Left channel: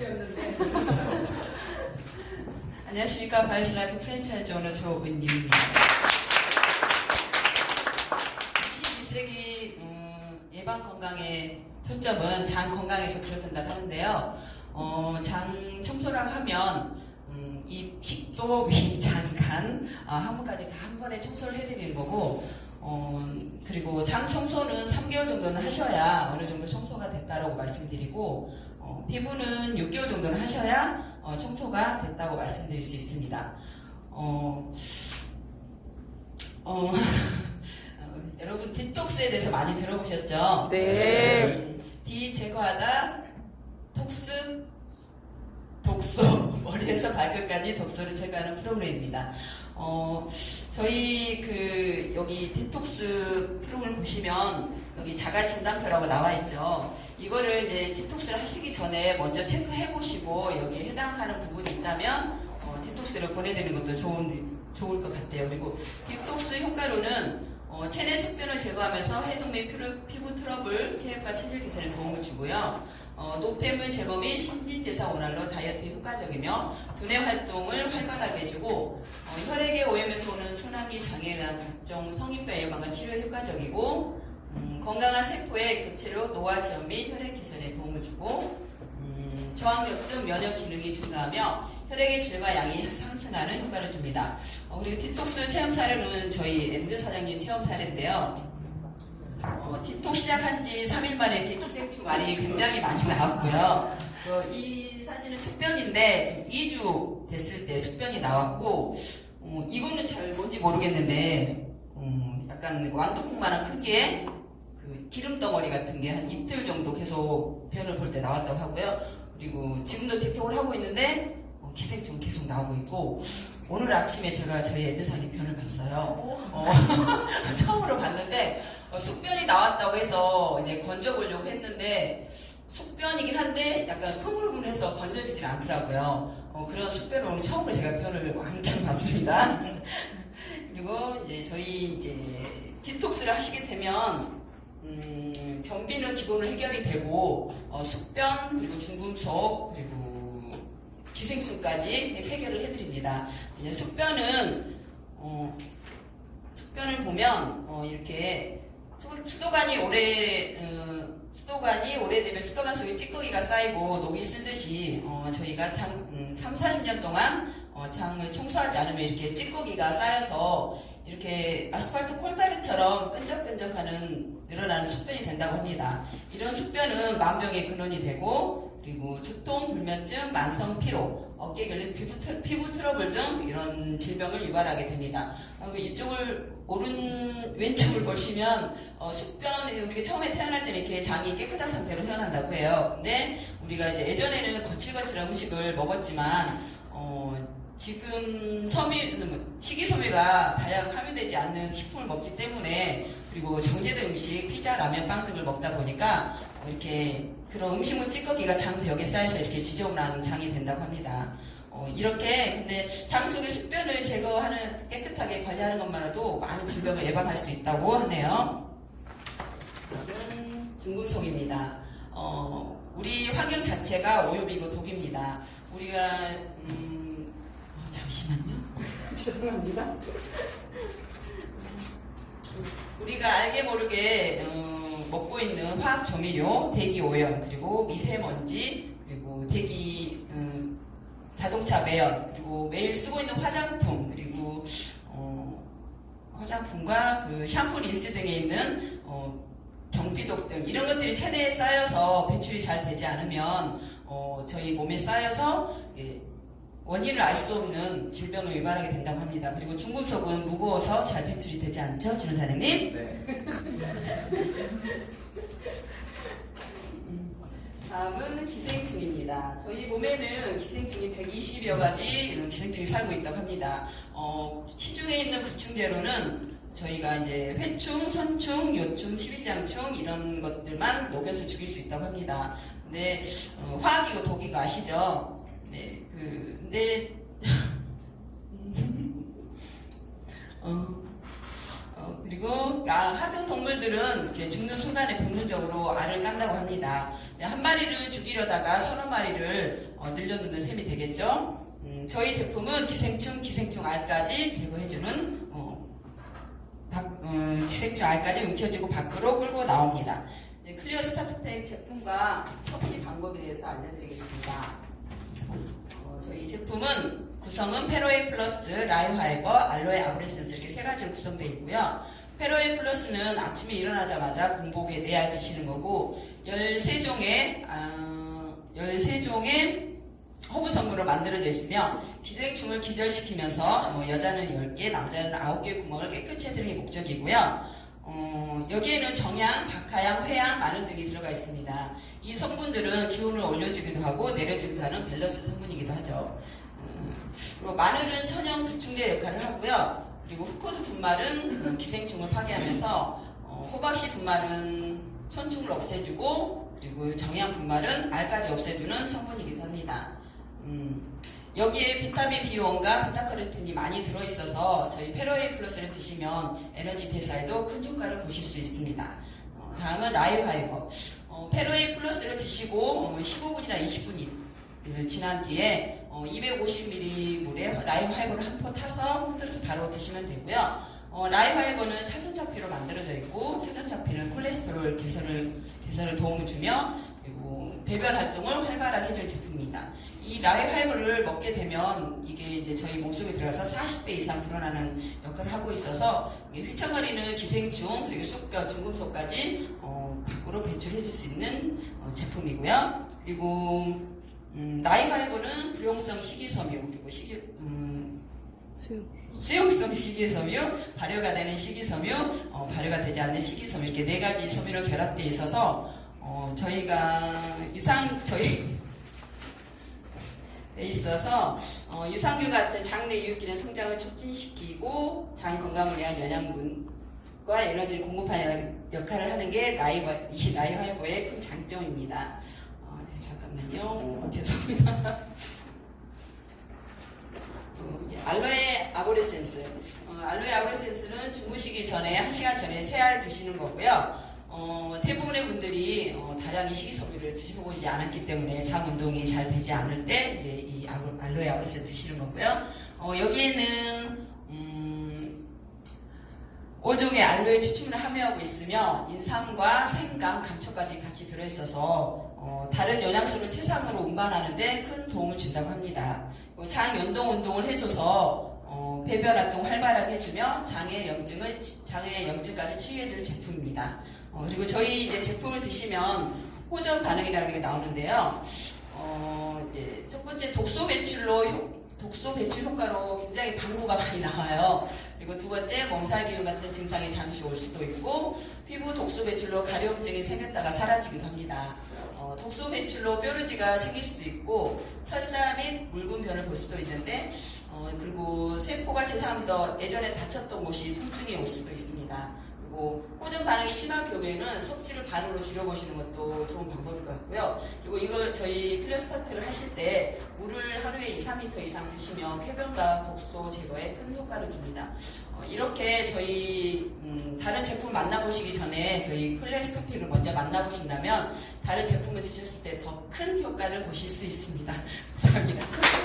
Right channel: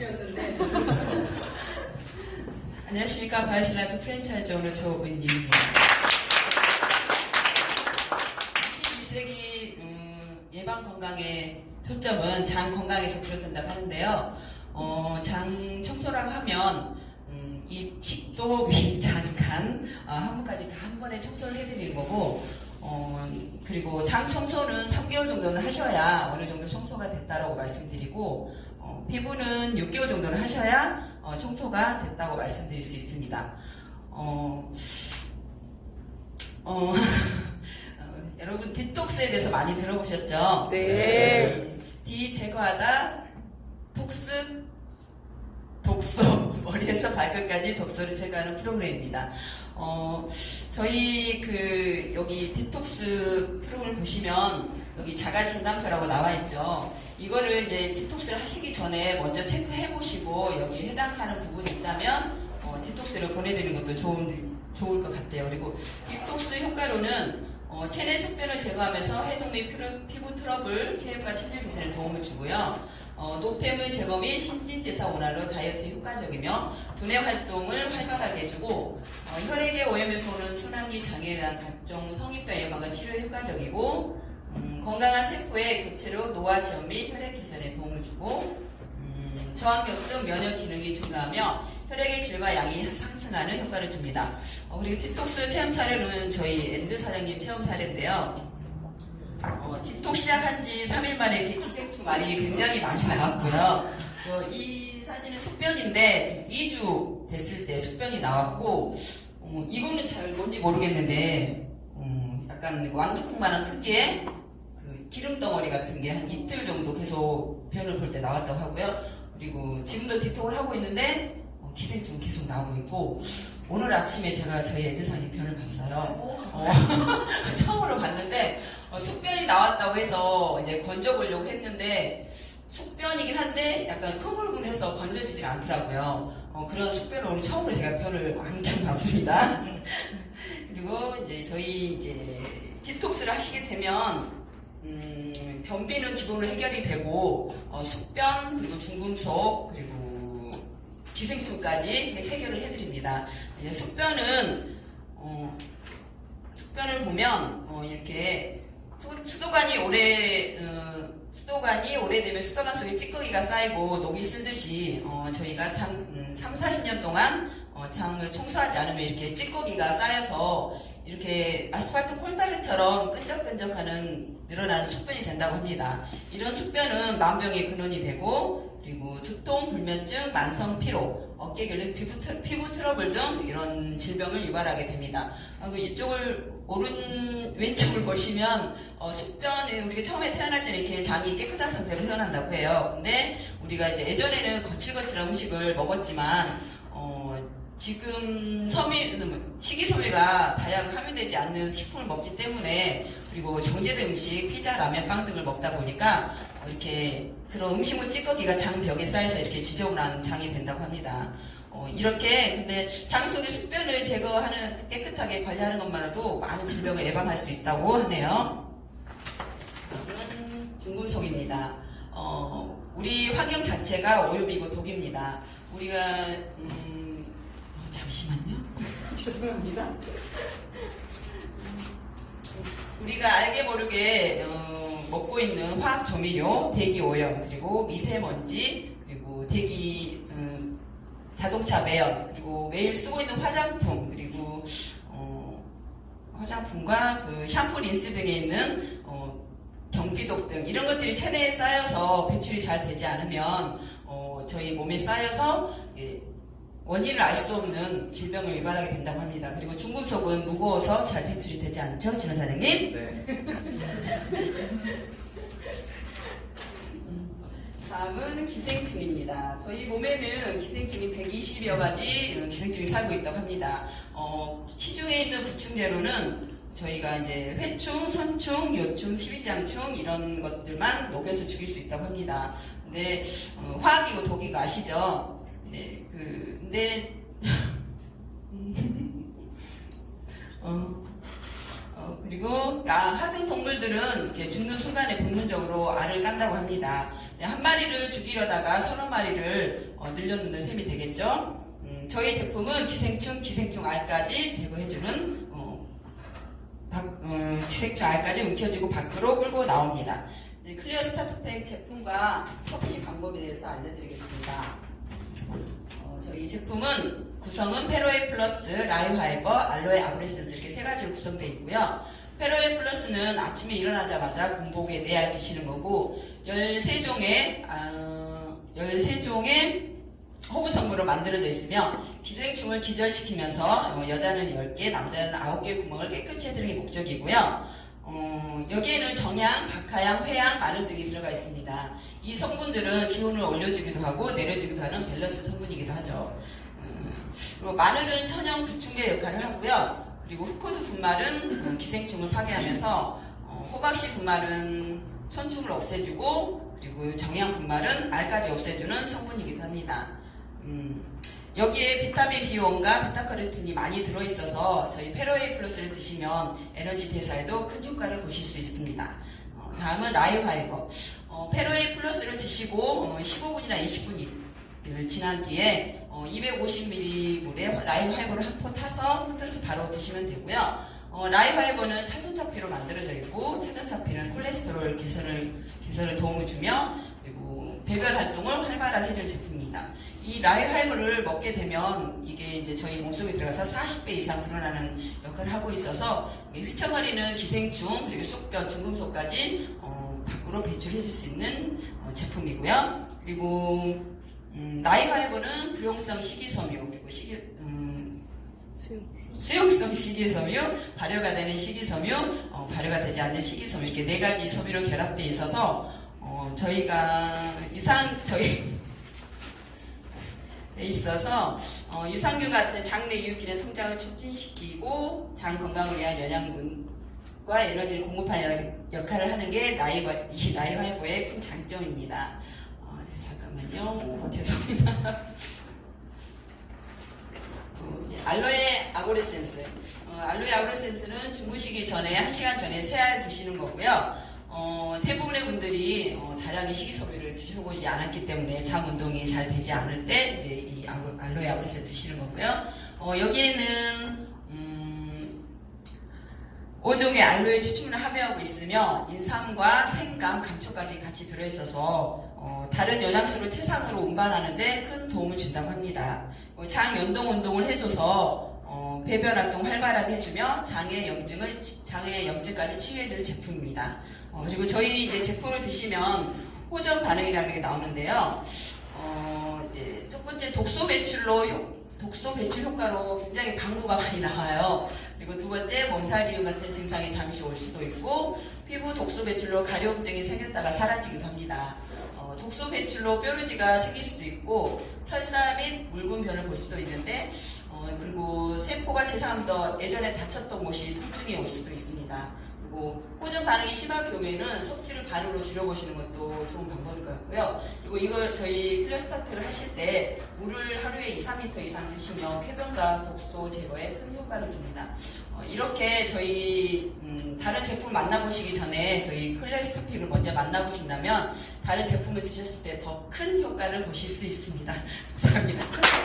피었는데 안녕하십니까 바이스라이프 프랜차이즈 오너 조은님입니다. 21세기 음, 예방 건강의 초점은 장 건강에서 비롯된다고 하는데요. 어, 장 청소라고 하면 음, 이 식도, 위, 장, 간 어, 항문까지 다 한 번에 청소를 해드리는 거고 어, 그리고 장 청소는 3개월 정도는 하셔야 어느 정도 청소가 됐다라고 말씀드리고 어, 피부는 6개월 정도는 하셔야 어, 청소가 됐다고 말씀드릴 수 있습니다. 어, 어, 어, 여러분 디톡스에 대해서 많이 들어보셨죠? 네. 디 제거하다 톡스 독소 머리에서 발끝까지 독소를 제거하는 프로그램입니다. 어, 저희 그 여기 디톡스 프로그램 보시면 여기 자가 진단표라고 나와 있죠. 이거를 이제 디톡스를 하시기 전에 먼저 체크해 보시고 여기 해당하는 부분이 있다면 어, 디톡스를 보내드리는 것도 좋은 좋을 것 같아요. 그리고 디톡스 효과로는 어, 체내 숙변을 제거하면서 해독 및 피부 트러블, 체액과 체질 개선에 도움을 주고요. 어, 노폐물 제거 및 신진대사 원활로 다이어트에 효과적이며 두뇌 활동을 활발하게 해주고 어, 혈액의 오염에서 오는 순환기 장애에 대한 각종 성인병 예방과 치료에 효과적이고 음, 건강한 세포의 교체로 노화 제어 및 혈액 개선에 도움을 주고 음, 저항력 등 면역 기능이 증가하며 혈액의 질과 양이 상승하는 효과를 줍니다. 어, 그리고 디톡스 체험 사례는 저희 엔드 사장님 체험 사례인데요. 어, 틱톡 시작한 지 3일 만에 이렇게 기생충 알이 굉장히 많이 나왔고요. 어, 이 사진은 숙변인데 지금 2주 됐을 때 숙변이 나왔고 어, 이거는 잘 뭔지 모르겠는데 음, 약간 완두콩만한 크기의 그 기름 덩어리 같은 게 한 이틀 정도 계속 변을 볼 때 나왔다고 하고요. 그리고 지금도 틱톡을 하고 있는데 어, 기생충 계속 나오고 있고 오늘 아침에 제가 저희 애드사님 변을 봤어요. 어, 처음으로 봤는데 어, 숙변이 나왔다고 해서 이제 건져보려고 했는데 숙변이긴 한데 약간 흐물흐물해서 건져지질 않더라고요. 어, 그런 숙변을 오늘 처음으로 제가 변을 왕창 봤습니다. 그리고 이제 저희 이제 디톡스를 하시게 되면 음, 변비는 기본으로 해결이 되고 어, 숙변 그리고 중금속 그리고 기생충까지 해결을 해드립니다. 이제 숙변은 어, 숙변을 보면 어, 이렇게 수- 수도관이 오래 어, 수도관이 오래되면 수도관 속에 찌꺼기가 쌓이고 녹이 쓰듯이 어, 저희가 장, 음, 3, 40년 동안 어, 장을 청소하지 않으면 이렇게 찌꺼기가 쌓여서 이렇게 아스팔트 콜다리처럼 끈적끈적하는 늘어나는 숙변이 된다고 합니다. 이런 숙변은 만병의 근원이 되고 그리고 두통, 불면증, 만성 피로, 어깨 결림, 피부, 트, 피부 트러블 등 이런 질병을 유발하게 됩니다. 그리고 이쪽을 오른 왼쪽을 보시면 어, 숙변 우리가 처음에 태어날 때는 이렇게 장이 깨끗한 상태로 태어난다고 해요. 근데 우리가 이제 예전에는 거칠거칠한 음식을 먹었지만 어, 지금 섬유 식이섬유가 다량 함유되지 않는 식품을 먹기 때문에 그리고 정제된 음식, 피자, 라면, 빵 등을 먹다 보니까 어, 이렇게 그런 음식물 찌꺼기가 장 벽에 쌓여서 이렇게 지저분한 장이 된다고 합니다. 어, 이렇게 근데 장 속의 숙변을 제거하는 깨끗하게 관리하는 것만으로도 많은 질병을 예방할 수 있다고 하네요. 중금속입니다. 어, 우리 환경 자체가 오염이고 독입니다. 우리가 음, 어, 잠시만요. 죄송합니다. 우리가 알게 모르게 어, 먹고 있는 화학 조미료, 대기 오염, 그리고 미세먼지, 그리고 대기 음, 자동차 매연, 그리고 매일 쓰고 있는 화장품, 그리고 어, 화장품과 그 샴푸, 린스 등에 있는 어, 경비독 등 이런 것들이 체내에 쌓여서 배출이 잘 되지 않으면 어, 저희 몸에 쌓여서 예, 원인을 알 수 없는 질병을 유발하게 된다고 합니다. 그리고 중금속은 무거워서 잘 배출이 되지 않죠, 진원 사장님? 네. 다음은 기생충입니다. 저희 몸에는 기생충이 120여 가지 기생충이 살고 있다고 합니다. 어, 시중에 있는 구충제로는 저희가 이제 회충, 선충, 요충, 십이장충 이런 것들만 녹여서 죽일 수 있다고 합니다. 근데 어, 화학이고 독이고 아시죠? 네, 그 근데 어, 어, 그리고 아, 하등 동물들은 죽는 순간에 본능적으로 알을 깐다고 합니다. 네, 한 마리를 죽이려다가 서너 마리를 어, 늘려놓는 셈이 되겠죠. 음, 저희 제품은 기생충, 기생충 알까지 제거해주는 어, 밖- 음, 기생충 알까지 움켜쥐고 밖으로 끌고 나옵니다. 클리어 스타트팩 제품과 섭취 방법에 대해서 알려드리겠습니다. 어, 저희 제품은 구성은 페로에 플러스, 라이파이버, 알로에 아브레센스 이렇게 세 가지로 구성되어 있고요. 페로에 플러스는 아침에 일어나자마자 공복에 내야 드시는 거고 13종의 아, 13종의 허브 성분으로 만들어져 있으며 기생충을 기절시키면서 어, 여자는 10개, 남자는 9개 구멍을 깨끗이 해드리는 게 목적이고요. 어, 여기에는 정향, 박하향, 회향, 마늘 등이 들어가 있습니다. 이 성분들은 기온을 올려주기도 하고 내려주기도 하는 밸런스 성분이기도 하죠. 음, 그리고 마늘은 천연 구충제 역할을 하고요. 그리고 후코드 분말은 음, 기생충을 파괴하면서 어, 호박씨 분말은 천충을 없애주고 그리고 정향 분말은 알까지 없애주는 성분이기도 합니다. 음, 여기에 비타민 B1과 비타카로틴이 많이 들어있어서 저희 페로에이 플러스를 드시면 에너지 대사에도 큰 효과를 보실 수 있습니다. 어, 다음은 라이파이버. 어, 페로에이 플러스를 드시고 15분이나 20분이 지난 뒤에 250ml 물에 라이파이버를 한 포 타서 흔들어서 바로 드시면 되고요. 어, 라이파이버는 차전차피로 만들어져 있고 차전차피는 콜레스테롤 개선을 개선을 도움을 주며 그리고 배변 활동을 활발하게 해주는 제품입니다. 이 라이파이버를 먹게 되면 이게 이제 저희 몸속에 들어가서 40배 이상 불어나는 역할을 하고 있어서 휘청거리는 기생충 그리고 쑥뼈, 중금속까지 어, 밖으로 배출해 줄 수 있는 어, 제품이고요. 그리고 음, 라이파이버는 부용성 식이섬유 그리고 식이 음, 수용성 식이섬유, 발효가 되는 식이섬유, 어, 발효가 되지 않는 식이섬유 이렇게 네 가지 섬유로 결합되어 있어서 어, 저희가 유상 저희 돼 있어서 어, 유산균 같은 장내 이웃기의 성장을 촉진시키고 장 건강을 위한 영양분과 에너지를 공급하는 역할을 하는 게 라이바, 이 라이바이버의 큰 장점입니다. 어, 잠깐만요. 어, 죄송합니다. 알로에 아보레센스. 어, 알로에 아보레센스는 주무시기 전에 1시간 전에 세 알 드시는 거고요. 어, 대부분의 분들이 어, 다량의 식이섬유를 드셔보지 않았기 때문에 잠 운동이 잘 되지 않을 때 이제 이 알로에 아보레센스 드시는 거고요. 어, 여기에는 음, 5종의 알로에 추출을 함유하고 있으며 인삼과 생강, 감초까지 같이 들어있어서 어, 다른 영양소를 체상으로 운반하는데 큰 도움을 준다고 합니다. 어, 장 연동 운동을 해줘서 어, 배변 활동 활발하게 해주며 장의 염증을 장의 염증까지 치유해줄 제품입니다. 어, 그리고 저희 이제 제품을 드시면 호전 반응이라는 게 나오는데요. 어, 이제 첫 번째 독소 배출로 효- 독소 배출 효과로 굉장히 방구가 많이 나와요. 그리고 두 번째 몸살 기운 같은 증상이 잠시 올 수도 있고 피부 독소 배출로 가려움증이 생겼다가 사라지기도 합니다. 어, 독소 배출로 뾰루지가 생길 수도 있고 설사 및 묽은 변을 볼 수도 있는데 어, 그리고 세포가 제사하면서 예전에 다쳤던 곳이 통증이 올 수도 있습니다. 그리고 호전 반응이 심한 경우에는 섭취를 반으로 줄여보시는 것도 좋은 방법일 것 같고요. 그리고 이거 저희 클래스타트를 하실 때 물을 하루에 2, 3리터 이상 드시면 폐변과 독소 제거에 큰 효과를 줍니다. 어, 이렇게 저희 음, 다른 제품 만나보시기 전에 저희 클래스타트를 먼저 만나보신다면 다른 제품을 드셨을 때 더 큰 효과를 보실 수 있습니다. 감사합니다.